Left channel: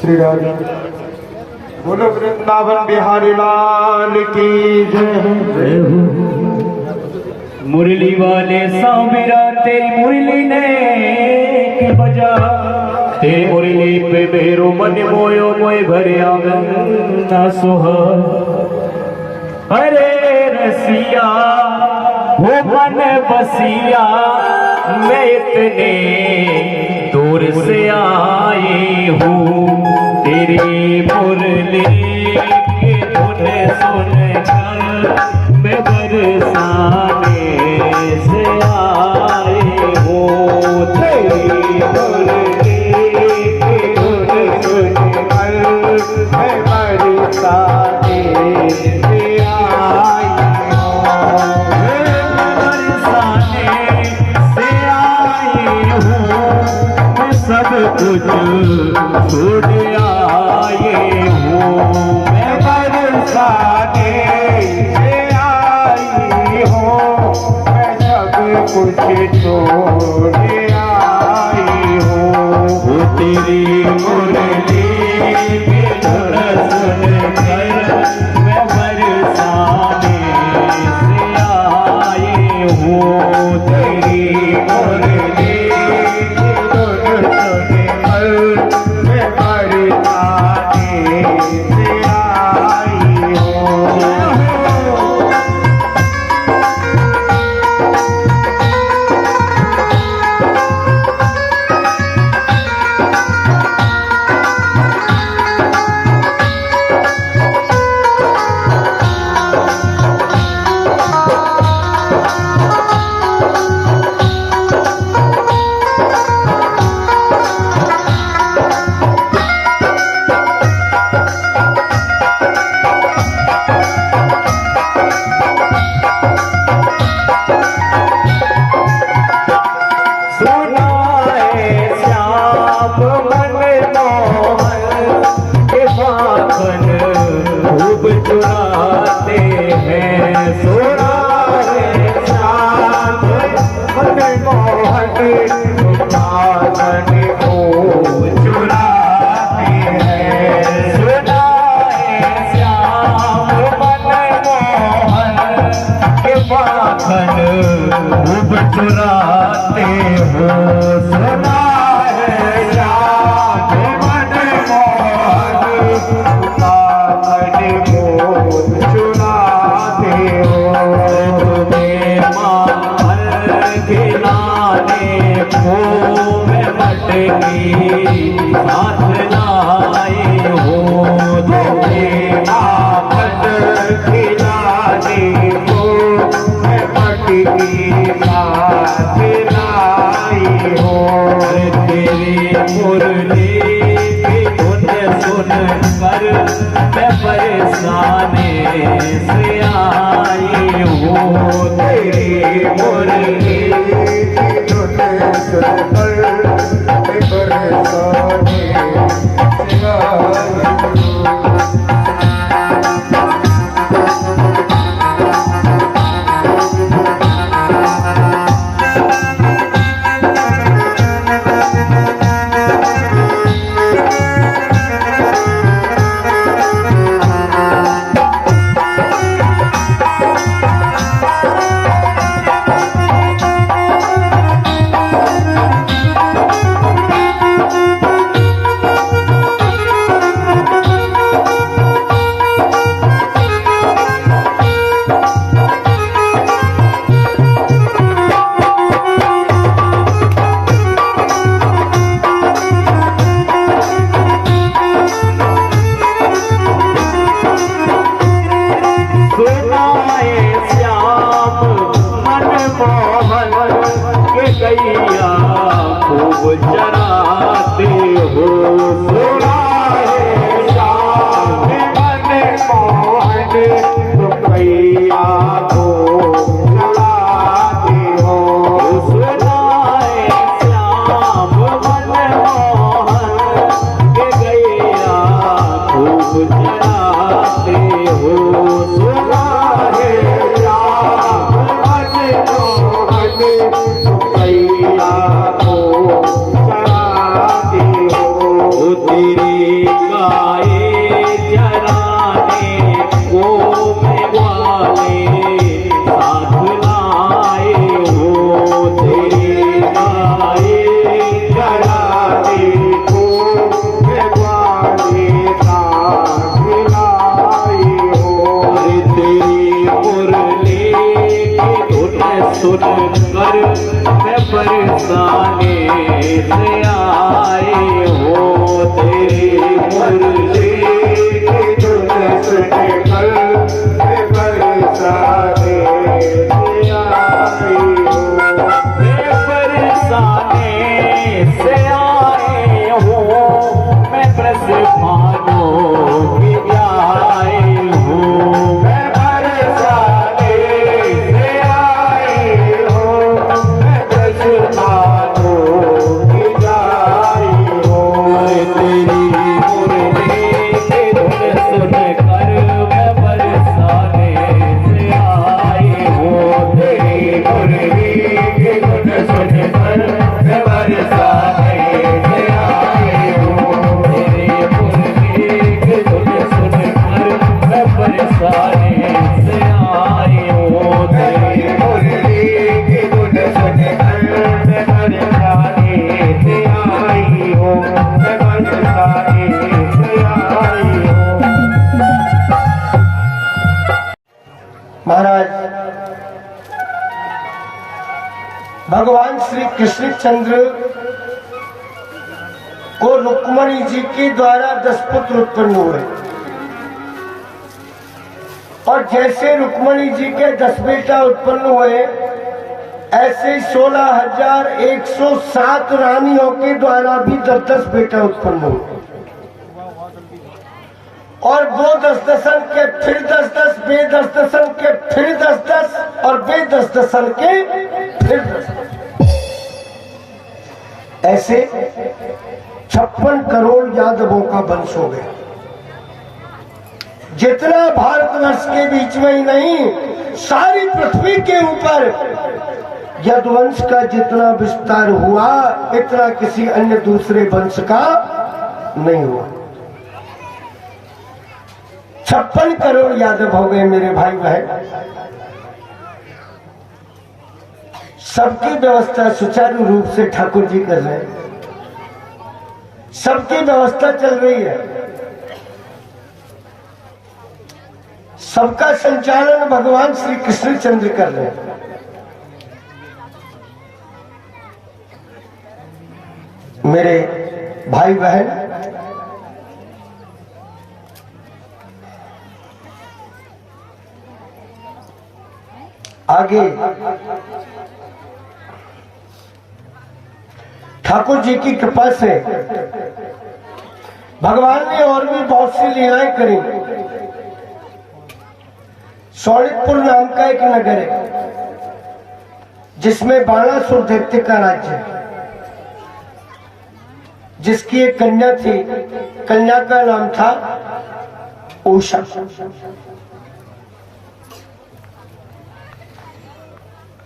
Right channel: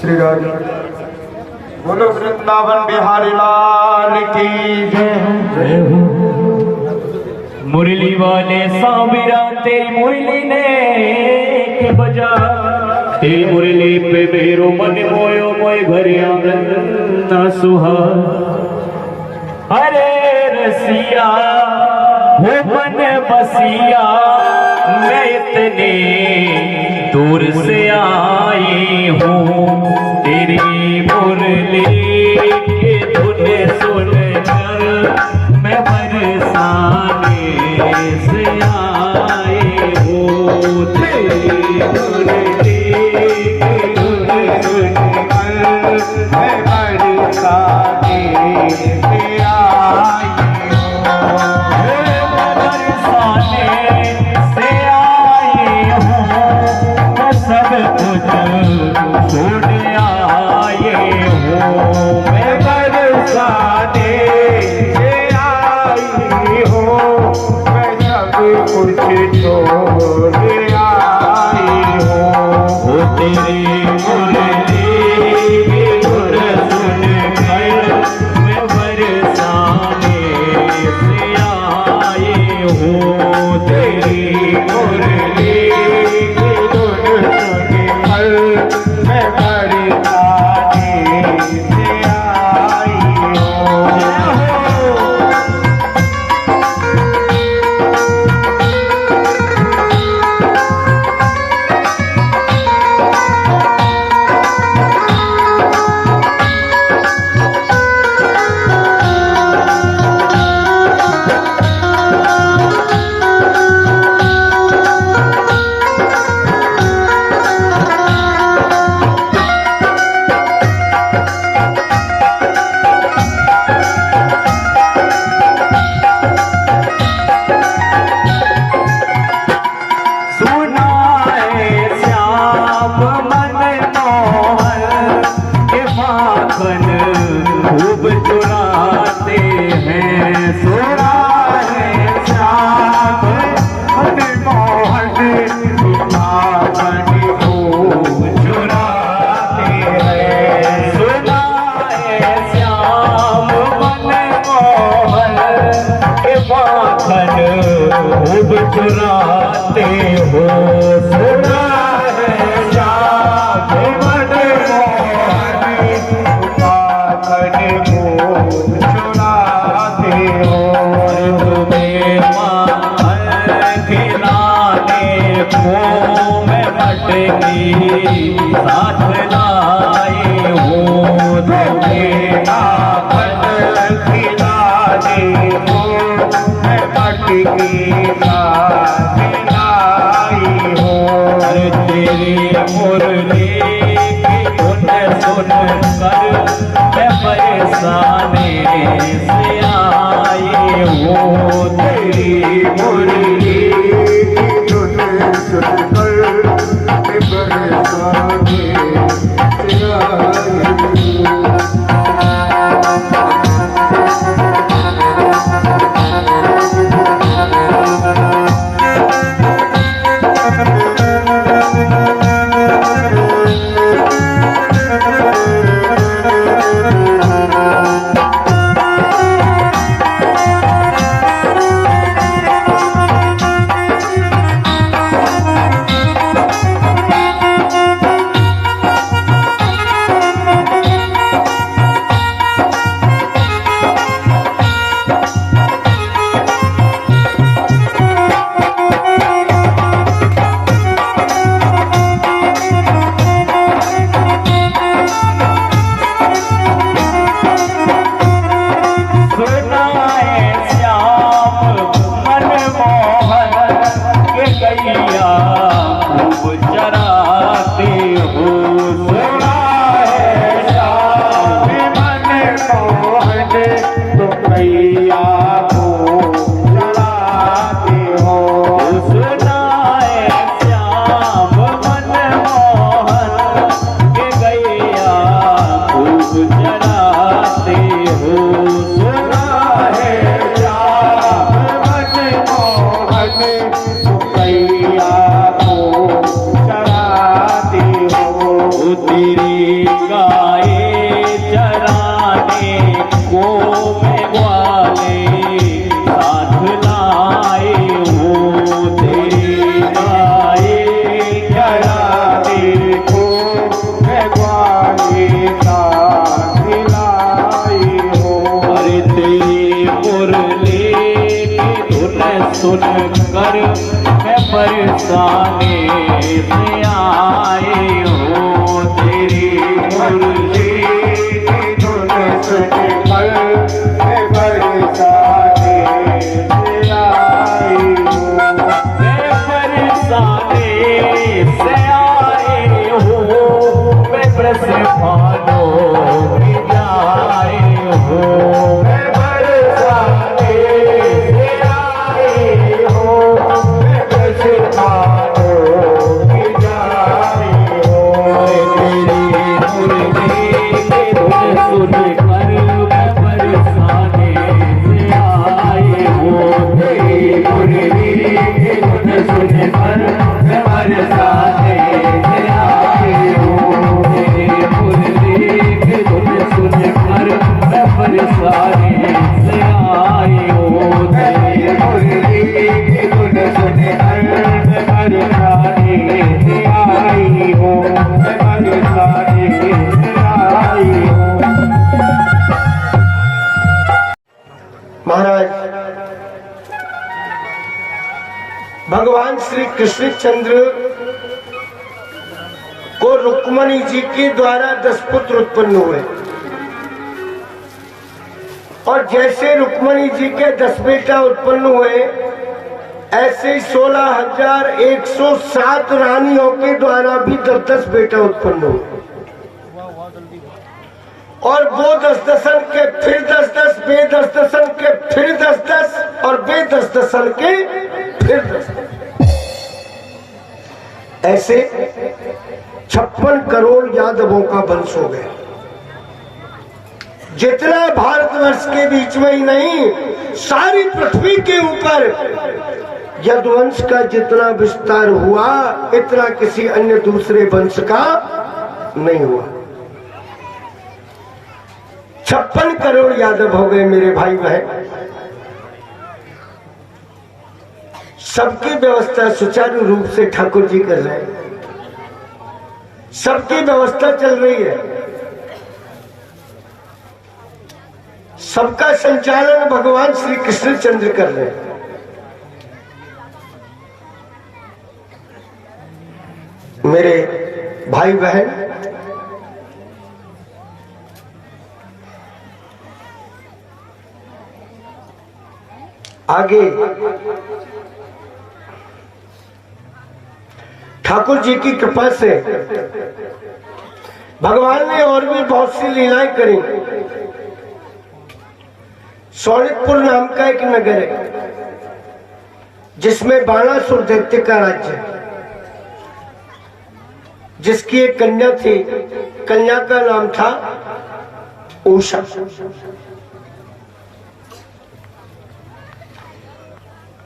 श्री राज बोलो वृंदावन बिहारी लाल की जय। मुरली वाले सांबिरा ते मुरली ने की बजा ते मुरली पे मेरो मन मोयो मोय भरे आंगन ना सुहा। हरे रसिया भुवन बसिया मैं इतने दूर से आई हूँ तेरी मुरली की धुन सुन कर मैं बरसाने से आई हूँ तेरी मुरली की धुन सुन कर मैं बरसाने से आई हूँ बरसाने से आई हूँ मैं सब कुछ छोड़ आए हूँ मैं बरसाने से आई हूँ मैं सब कुछ छोड़ आई हूँ तेरी मुरली की धुन सुन कर मैं बरसाने से आई हूँ तेरी मुरली की धुन सुन कर मैं बरसाने से आई हूँ। खूब चुराते हैं सोना है श्याम मन मोहन पावन खूब चुराते हैं सोना है श्याम मन मोहन के पावन खूब चुराते हो सोना है श्याम मन मैं मटकी साथ लाई हूँ तुम्हें माखन खिलाने को मैं मटकी साथ लाई हूँ तेरी मुरली की धुन सुन कर मैं बरसाने से आई हूँ तेरी मुरली खूब चराते हो सुना है श्याम मन मोहन तुम कैया को चढ़ाते हो सुना है श्याम मन मोहन के गैया खूब चराते हो सुना है श्याम मैं बरसाने से आए हो तेरी मुरली की धुन सुनकर मैं बरसाने से आए हो मैं बरसाने से आए हो मैं बरसानो की जाए हो मैं बरसाने से आए हो मैं बरसानो की जाए हो तेरी मुरली की धुन सुनकर मैं बरसाने से आए हो तेरी मुरली की धुन सुनकर मैं बरसाने से आए हो तेरी मुरली की धुन सुनकर मैं बरसाने से आए हो तेरी मुरली की धुन सुनकर मैं बरसाने से आई हो मैं बरसाने से आई हो। महाराज भगवान श्री कृष्णचंद्र को रुक्मणी जी के द्वारा 10 पुत्र उत्पन्न हुए और जैसे रुक्मणी जी के 10 बेटा उत्पन्न हुए ऐसे 16,107 रानियों के द्वारा भी 10 बेटा उत्पन्न हुए और वो 10 के फिर 10 बे 10 के फिर 10 और बे 10 के फिर 10 ऐसे 56 करोड़ यादवों का वंश हो गया। जितना भारतवर्ष के बीच में ही नहीं सारी पृथ्वी के ऊपर यदुवंश का जितना विस्तार हुआ इतना किसी अन्य दूसरे वंश का नहीं हुआ। 56 करोड़ यादव हो गए मेरे भाई बहन। सबकी व्यवस्था सुचारू रूप से ठाकुर जी कर रहे हैं, सबकी व्यवस्था चल रही है, सबका संचालन भगवान श्री कृष्णचंद्र कर रहे हैं। मेरे भाई बहन आगे ठाकुर जी की कृपा से भगवान ने और भी बहुत सी लीलाएं करी। सौलिकपुर नाम का एक नगर है जिसमें बाणासुर दैत्य का राज्य है, जिसकी एक कन्या थी, कन्या का नाम था उषा।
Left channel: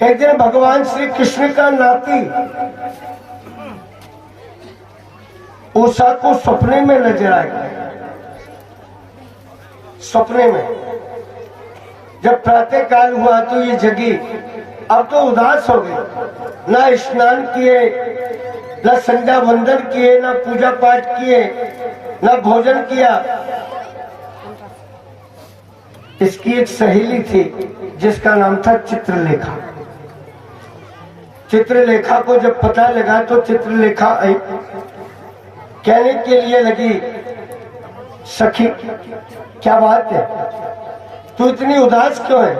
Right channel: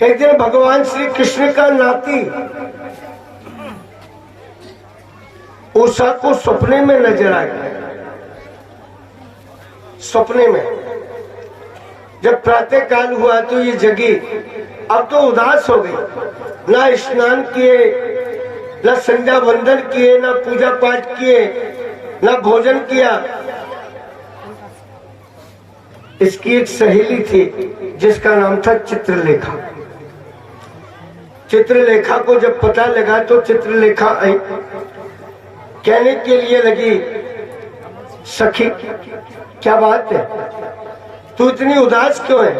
एक दिन भगवान श्री कृष्ण का नाती उषा को सपने में नजर आ गया। सपने में जब प्रातः काल हुआ तो ये जगी, अब तो उदास हो गई, ना स्नान किए, ना संध्या वंदन किए, ना पूजा पाठ किए, ना भोजन किया। इसकी एक सहेली थी जिसका नाम था चित्रलेखा। चित्रलेखा को जब पता लगा तो चित्रलेखा आई, कहने के लिए लगी, सखी क्या बात है, तू इतनी उदास क्यों है?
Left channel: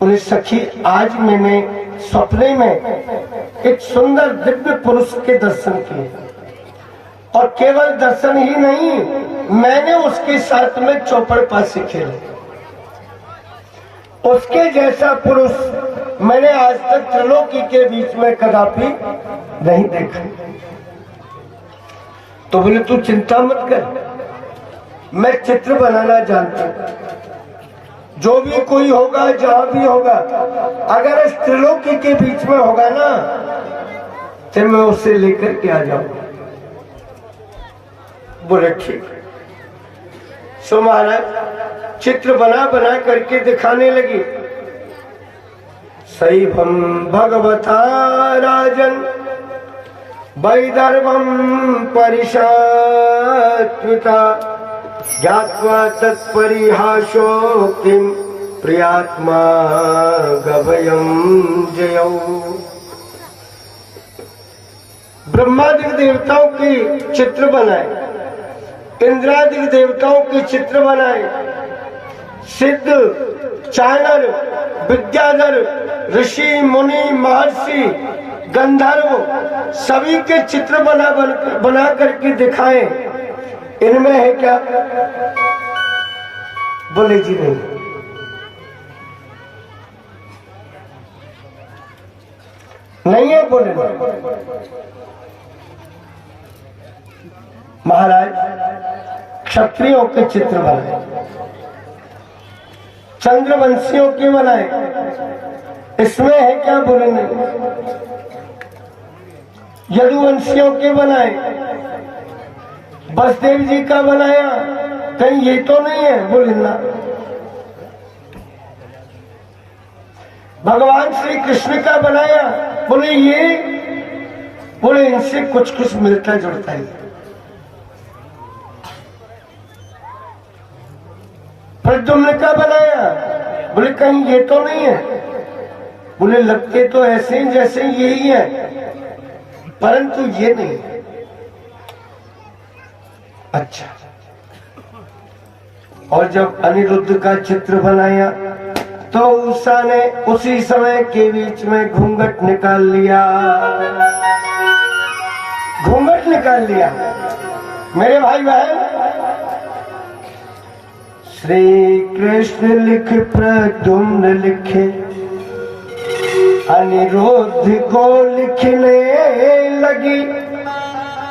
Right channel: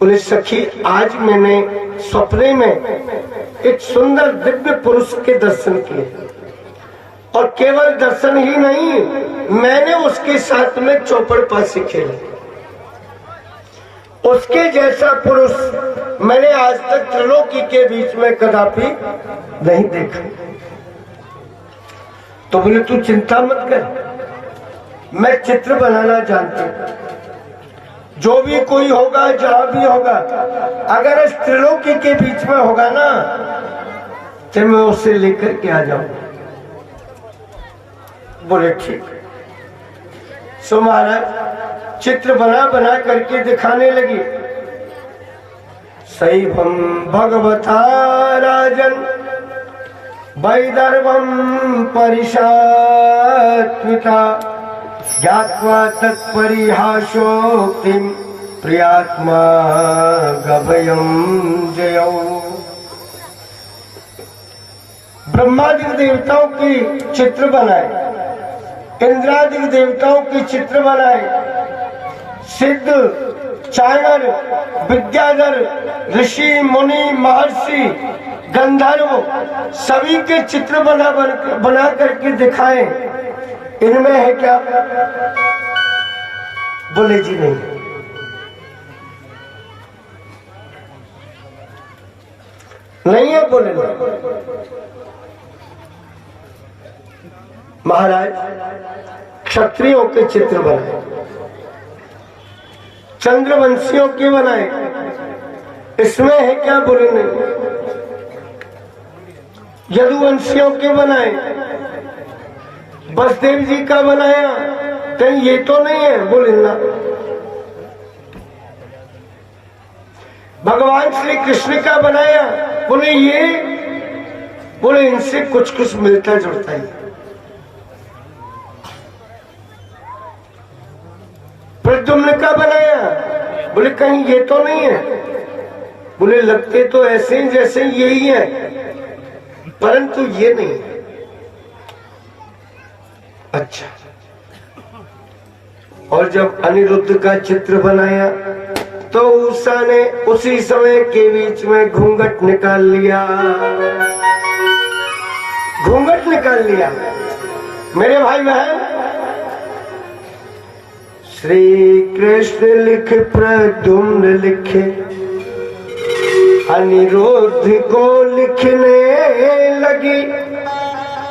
बोले सखी आज मैंने सपने में एक सुंदर दिव्य पुरुष के दर्शन किए और केवल दर्शन ही नहीं, मैंने उसके साथ में चौपड़ पासी खेली। उसके जैसा पुरुष मैंने आज तक त्रिलोकी के बीच में कदापि नहीं देखा। तो बोले तू चिंता मत कर, मैं चित्र बनाना जानता हूं। जो भी कोई होगा, जहां भी होगा, अगर इस त्रिलोकी के बीच में होगा ना तो मैं उसे लेकर के आ जाऊंगा। बोले ठीक। सो महाराज चित्र बना बना करके दिखाने लगी। सैभम भगवता राजन वैदर्भम परिशात्मिका ज्ञात्वा तत्परिहासोक्तिं प्रियात्मा गभयम जयौ। ब्रह्मादि देवताओं के चित्र बनाए, इंद्रादि देवताओं के चित्र बनाए, सिद्ध, चाणर, विद्याधर, ऋषि, मुनि, महर्षि, गंधर्व सभी के चित्र बना करके दिखाए। इनमें है क्या? बोले जी नहीं। नहीं है, बोले नहीं। महाराज क्षत्रियों के चित्र बनाए, चंद्रवंशियों के बनाए, इसमें है क्या? बोले नहीं। यदुवंशियों के बनाए, बसदेव जी का बनाया, कहीं ये तो नहीं है? बोले ना। भगवान श्री कृष्ण का बनाया, बोले ये, बोले इनसे कुछ कुछ मिलता जुलता है। प्रद्युम्न का बनाया, बोले कहीं ये तो नहीं है? बोले लगते तो ऐसे ही जैसे यही है, परंतु ये नहीं है। अच्छा, और जब अनिरुद्ध का चित्र बनाया तो उषा ने उसी समय के बीच में घूंघट निकाल लिया, घूंघट निकाल लिया। मेरे भाई बहन, श्री कृष्ण लिख प्रद्युम्न लिखे, अनिरुद्ध को लिखने लगी।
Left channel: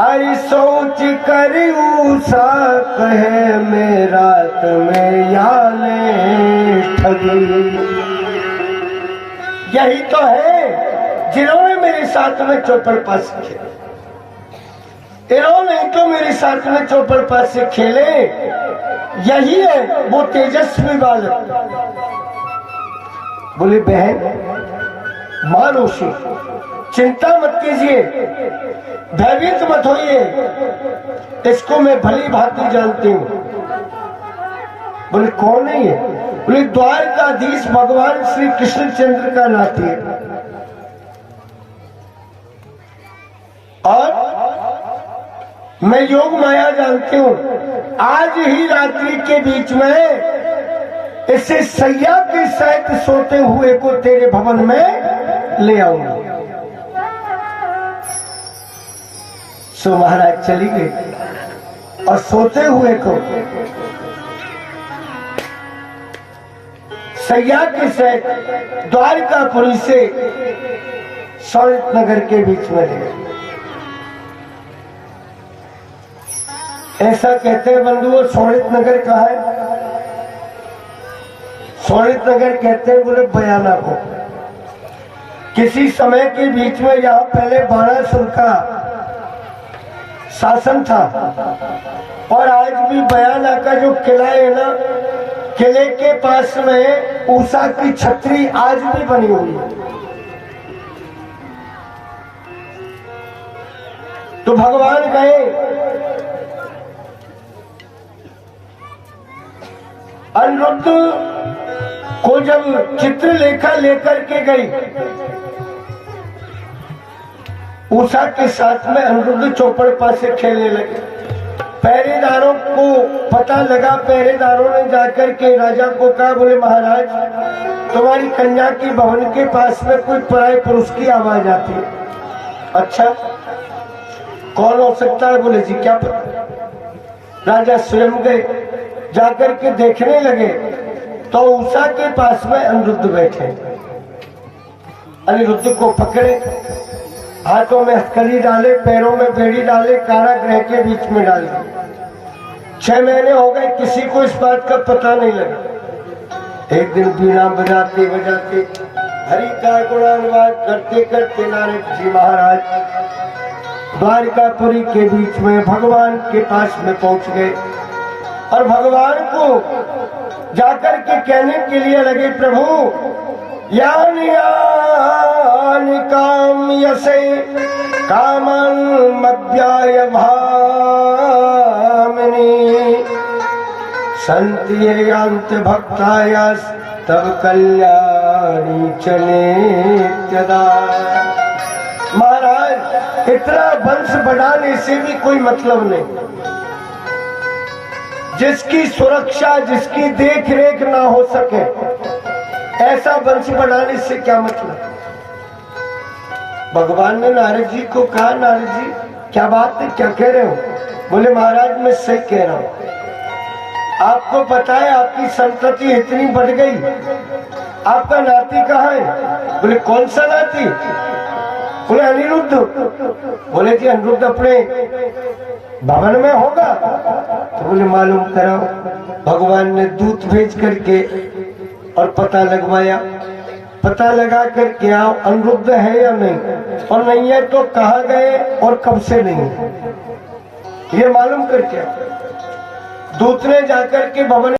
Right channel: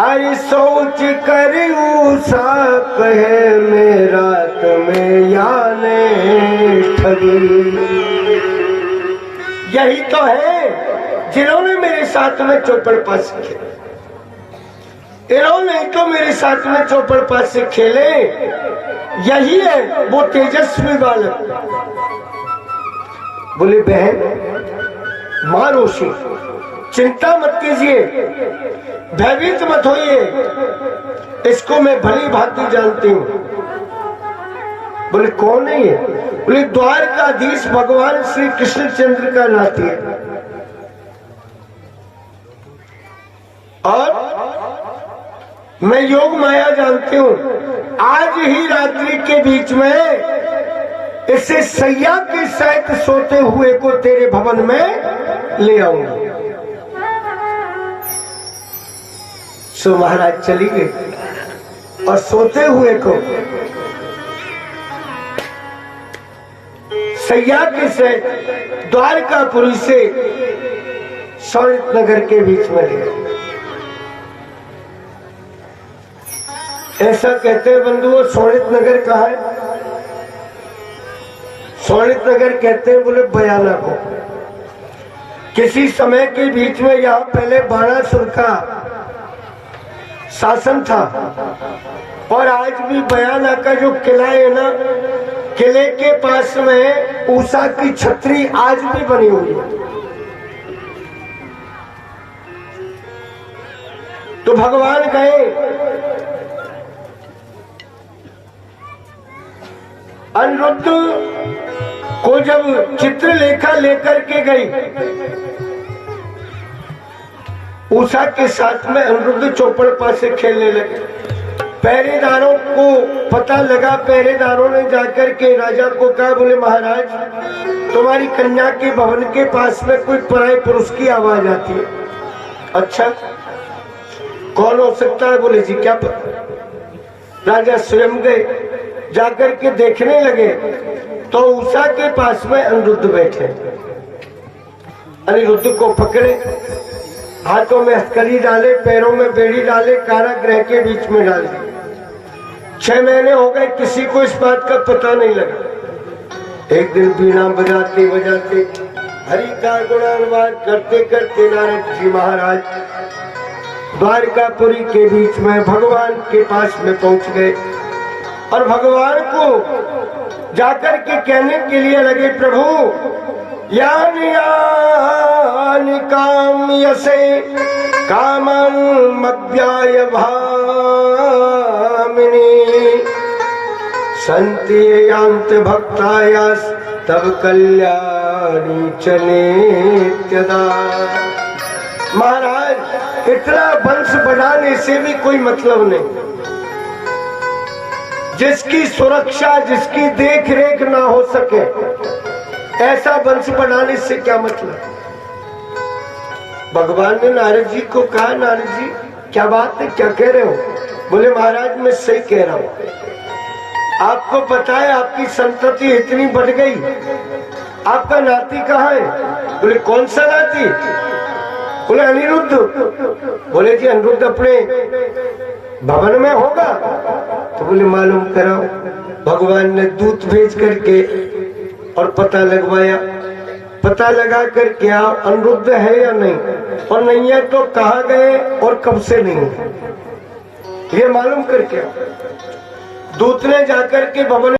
आई सोच कर उषा कहे मेरा तुम्हें याने ठगी। यही तो है जिन्होंने मेरे साथ में चौपड़ पास खेले, इन्होंने तो मेरे साथ में चौपड़ पास से खेले। यही है वो तेजस्वी बालक। बोले बहन मां रोशी, चिंता मत कीजिए, भयभीत मत होइए, इसको मैं भली भांति जानती हूँ। बोले कौन नहीं है? बोले द्वारकाधीश भगवान श्री कृष्णचंद्र का नाती है। और मैं योग माया जानती हूँ। आज ही रात्रि के बीच में इसे सैया के सहित सोते हुए को तेरे भवन में ले आऊंगा। सो महाराज चली गई और सोते हुए को सैया के सहित द्वारकापुरी से शौरित नगर के बीच में ले गए। ऐसा कहते हैं बंधुओं, शौरित नगर कहाँ है? शौरित नगर कहते हैं बोले बयाना को। किसी समय के बीच में यहाँ पहले बाणासुर का शासन था, और आज भी बयाना का जो किला है ना, किले के पास में उषा की छतरी आज भी बनी हुई है। तो भगवान कहे अनिरुद्ध को जब चित्रलेखा लेकर के गई, उषा के साथ में अनिरुद्ध चौपड़ पास से खेलने लगे। पहरेदारों को पता लगा, पहरेदारों ने जाकर के राजा को कहा, बोले महाराज तुम्हारी कन्या के भवन के पास में कोई पराये पुरुष की आवाज आती है। अच्छा कौन हो सकता है? बोले जी क्या पता। राजा स्वयं गए, जाकर के देखने लगे तो उषा के पास में अनिरुद्ध बैठे। अनिरुद्ध को पकड़े, हाथों में हथकड़ी डाले, पैरों में बेड़ी डाले, कारागृह के बीच में डाले। 6 महीने हो गए, किसी को इस बात का पता नहीं लगा। एक दिन बीना बजाते बजाते हरि का गुणानुवाद करते करते नारद जी महाराज द्वारकापुरी के बीच में भगवान के पास में पहुंच गए और भगवान को जाकर के कहने के लिए लगे, प्रभु यानि यानि काम यसे कामन मध्याय भामिनी संति यांत भक्तायास तब कल्याणी चले त्यदा। महाराज इतना वंश बढ़ाने से भी कोई मतलब नहीं, जिसकी सुरक्षा जिसकी देख रेख ना हो सके ऐसा वंश बढ़ाने से क्या मतलब। भगवान ने नारद जी को कहा, नारद जी क्या बात है, क्या कह रहे हो। बोले महाराज मैं सही कह रहा हूं, आपको पता है आपकी संतति इतनी बढ़ गई, आपका नाती कहाँ है। बोले कौन सा नाती। बोले अनिरुद्ध। बोले जी अनिरुद्ध अपने भवन में होगा। तो बोले मालूम कराओ। भगवान ने दूत भेज करके और पता लगवाया, पता लगा करके आओ अनिरुद्ध है या नहीं, और नहीं है तो कहाँ गए और कब से नहीं है, ये मालूम करके दूत ने जाकर के भवन